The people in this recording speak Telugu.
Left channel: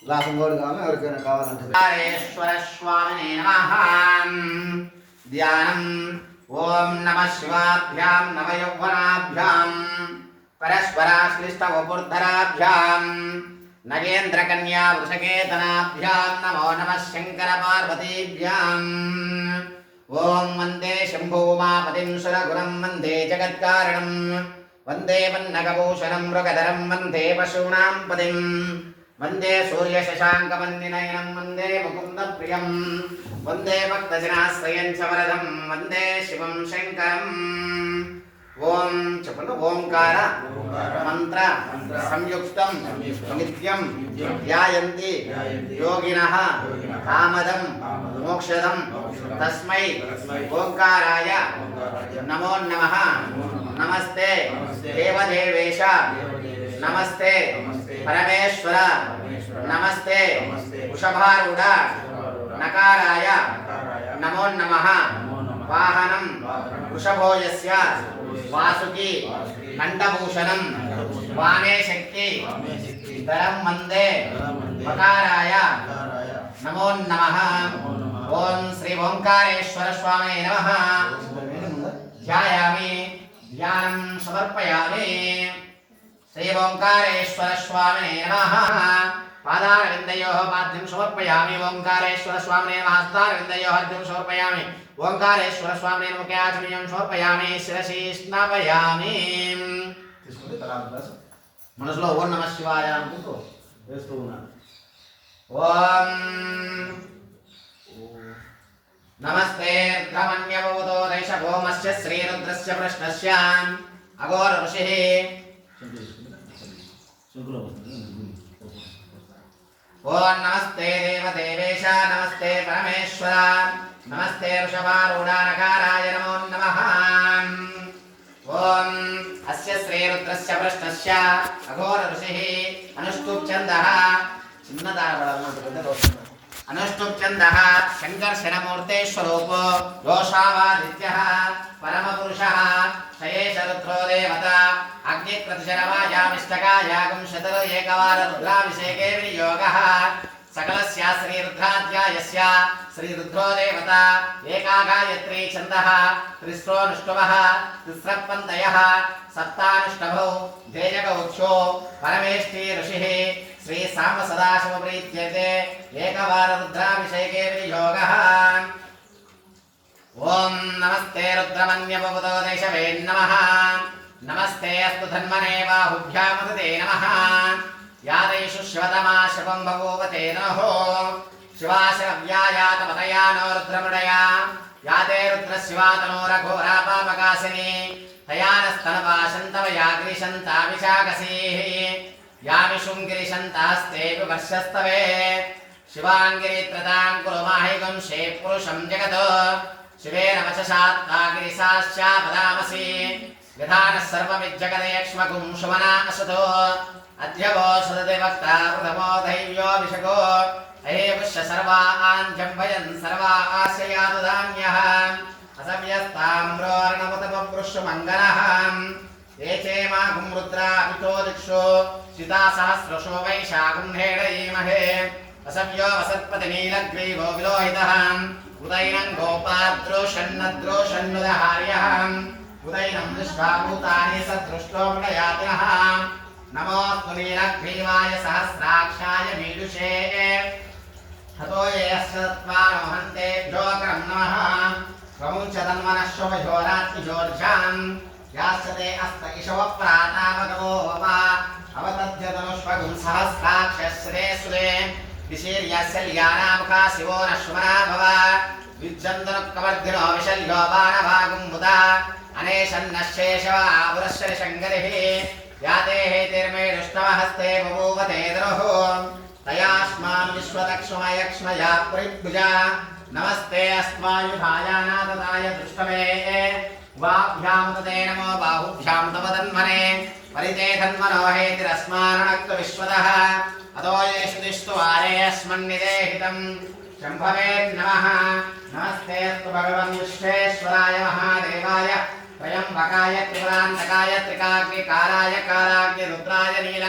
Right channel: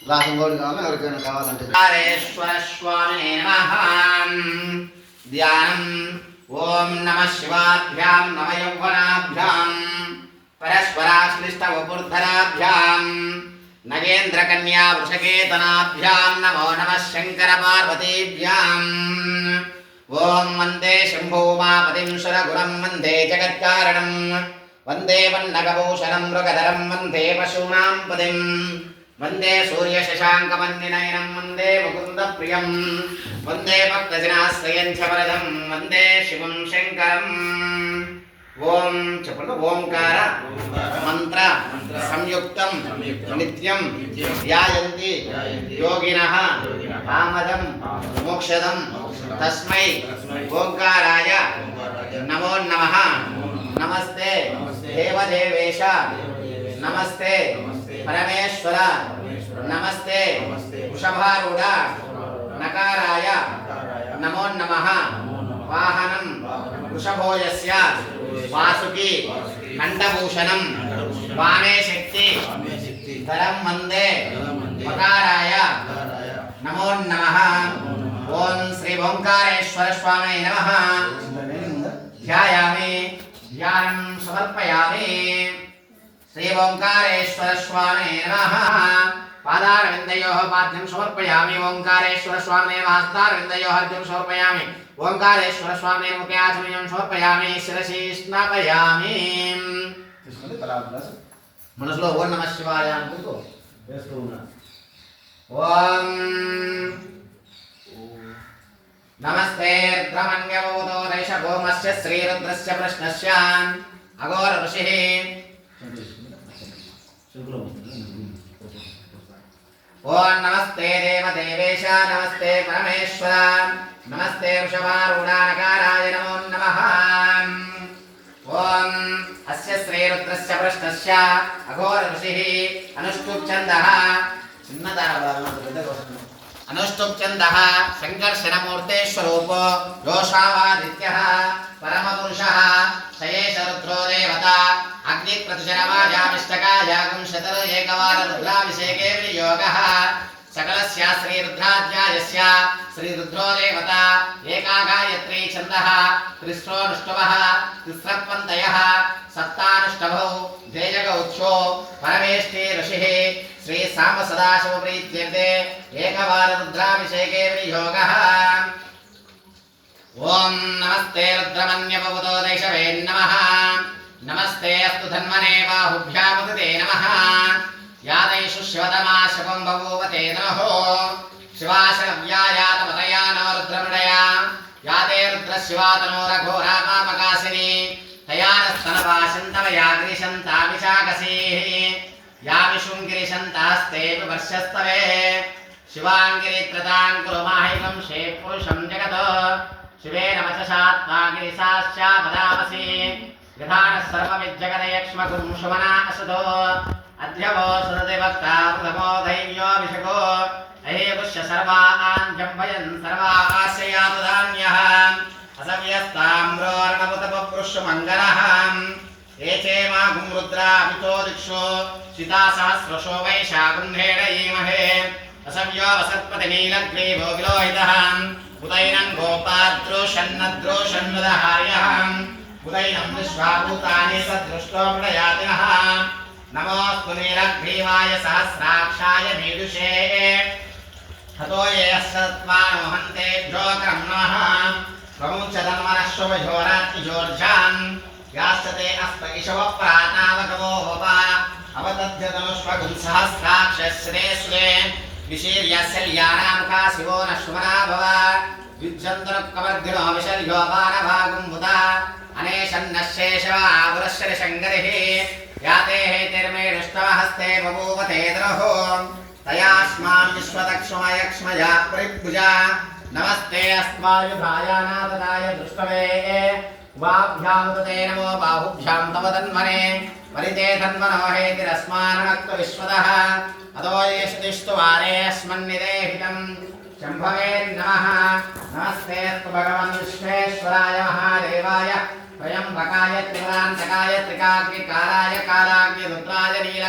గ్లాసు గోడు కావాలి ఎవరికైనా కావాలంటే స్వామినే నమః ధ్యానం ఓం నమః శివాభ్యాం నమ యౌవనాభ్యాం పరస్పరాశ్లిష్టవపుర్ధరాభ్యాం నగేంద్రకన్యా వృషకేతనాభ్యాం నమో నమః శంకర పార్వతీభ్యాం ఓం వందే శంభూమాపతిం సురగురం వందే జగత్కారణం వందే వన్నగభూషణం మృగధరం వందే పశూనాం పదిం వందే సూర్యశశాంకమన్నినయనం వందే ముకుందప్రియం వందే భక్తజనాశ్రయం చ వరదం వందే శివం శంకరం ఓం చెప్పండి ఓంకార మంత్ర సంయుక్తం నిత్యం ధ్యాయంతి యోగినః కామదం మోక్షదం తస్మై ఓంకారాయ నమో నమః నమస్తే దేవదేవేశ నమస్తే పరమేశ్వర నమస్తే వృషభారూఢ నకారాయ నమో నమః వాహనం వృషభో యస్య వాసుకి కంఠభూషణం వామే శక్తి ధరం వందే మకారాయ నమో నమః ఓం శ్రీ ఓంకారేశ్వర స్వామినే నమః ధ్యాయామి ధ్యానం సమర్పయామి శ్రీ ఓంకారేశ్వర స్వామినే నమః పాదారవిందయోః పాద్యం సమర్పయామి ఓంకారేశ్వర స్వామినే నమః హస్తారవిందయోః అర్ఘ్యం సమర్పయామి ఓంకారేశ్వర స్వామినే ముఖే ఆచమనీయం సమర్పయామి శిరసి స్నాపయామి మనసులో ఓం నమః శివాయ అనుకుంటూ వేస్తూ ఉన్నాను. ఓం నమస్తే రుద్రమన్యవోదో దేశభూమస్య శ్రీరుద్రస్య ప్రశ్నస్య అఘోర ఋషిః ఓం నమస్తే దేవదేవేశ నమస్తే పరమేశ్వర నమస్తే వృషభారూఢానకారాయ నమో నమః ఓం అస్య శ్రీరుద్రస్య ప్రశ్నస్య అఘోర ఋషిః అనుష్ఠుప్ ఛందః అనుష్ఠుప్ ఛందః సంకర్షణమూర్తే స్వరూపో యోషావాదిత్యః పరమపురుషః శయేష రుద్రో దేవత అగ్నిప్రతిశరవాజామిష్టకాయాగం శతర ఏకవార రుద్రాభిషేకే వినియోగః సకలస్య శ్రీరుద్రాధ్యాయస్య శ్రీరుద్రో దేవత ఏకా గాయత్రీ ఛందః త్రిస్రోనుష్ఠవః తిస్రత్వంతయః సప్తానుష్ఠవౌ జయజగౌచ్ఛో పరమేష్ఠి ఋషిః శ్రీ సాంబ సదాశివ ప్రీత్యర్థే ఏకవార రుద్రాభిషేకే వినియోగః ఓం నమస్తే రుద్రమన్యపవతో దేశవే నమః నమస్తే అస్తు ధన్మనే బాహుభ్యామతే నమః యాదైషు శివతమా శవం బభూవతే నమో శివాశవ్యాయాతమతయానో రుద్రమృడయా యాతే రుద్రశివాతనో రఘోరా పామకాసిని తయానస్తనపాశంతమయా గిరిశంతామిషాకసీః యామిషుం గిరిశంతాస్తేపి వర్షస్తవే శివాంగిరిత్రతాం కురు మాహికం షేత్ పురుషం జగతో శివేన వచసాత్మా గిరిశాశ్చాపదామసి విధానః సర్వమిజ్జగదేక్ష్మకుం శుమనా అసతో అధ్యవో సదతి వక్తా ప్రథమో ధైర్యోభిషకో అహేపుష్య సర్వాన్ జంభయన్ సర్వాస్యయాతు ధాన్యః అసవ్యస్తామ్రోర్ణవతపృష్య మంగళః ఏచేమాగుం రుద్రాభితో దిక్షో సీతా సహస్రశో వైశాగుంధేడయీమహే అసవ్యో వసత్పతి నీలగ్రీవో విలోహితః ఉదైనం గోపాద్రోషన్నద్రోషన్నుదహార్యః ఉదైనం విశ్వాభూతాని సదృష్టో ప్రయాతినః నమోస్తు నీలగ్రీవాయ సహస్రాక్షాయ మీదుషే హతో యేస్సత్వానమహంతేభ్యోకరం నమః ప్రముంచదన్మనశ్వభయోరాత్మిజోర్జాం యాస్తతే అస్త ఇషవ ప్రాతావగమో వా అవతధ్యతనుష్మగుం సహస్రాక్షశ్రే సురే విశీర్యశల్యానాముఖా శివో నశ్వనా భవ విజ్జంతనుక్కవర్ధినో విశల్యో బాణభాగం బుధ అనేషన్నశేషవాపురశ్చ శంకరిః యాతే హేతిర్మేడుష్టమహస్తే బభూవతే ద్రోహో తయాస్మాన్ విశ్వదక్ష్మయక్ష్మయా ప్రయుగ్భుజా నమస్తే అస్మాయుధాయ నాదదాయ దృష్టవే వాభ్యాముదే నమో బాహుభ్యాం తవ తన్మనే పరితే తన్మనో హేతిరస్మానక్త విశ్వదః అదో యేషు దిష్టు వారే అస్మన్నిదేహితం శంభవే నమః నమస్తే అస్తు భగవన్ విశ్వేశ్వరాయ మహాదేవాయ త్రయంబకాయ త్రిపురాంతకాయ త్రికాగ్ని కాలాయ కాలాగ్ని రుద్రాయ నీల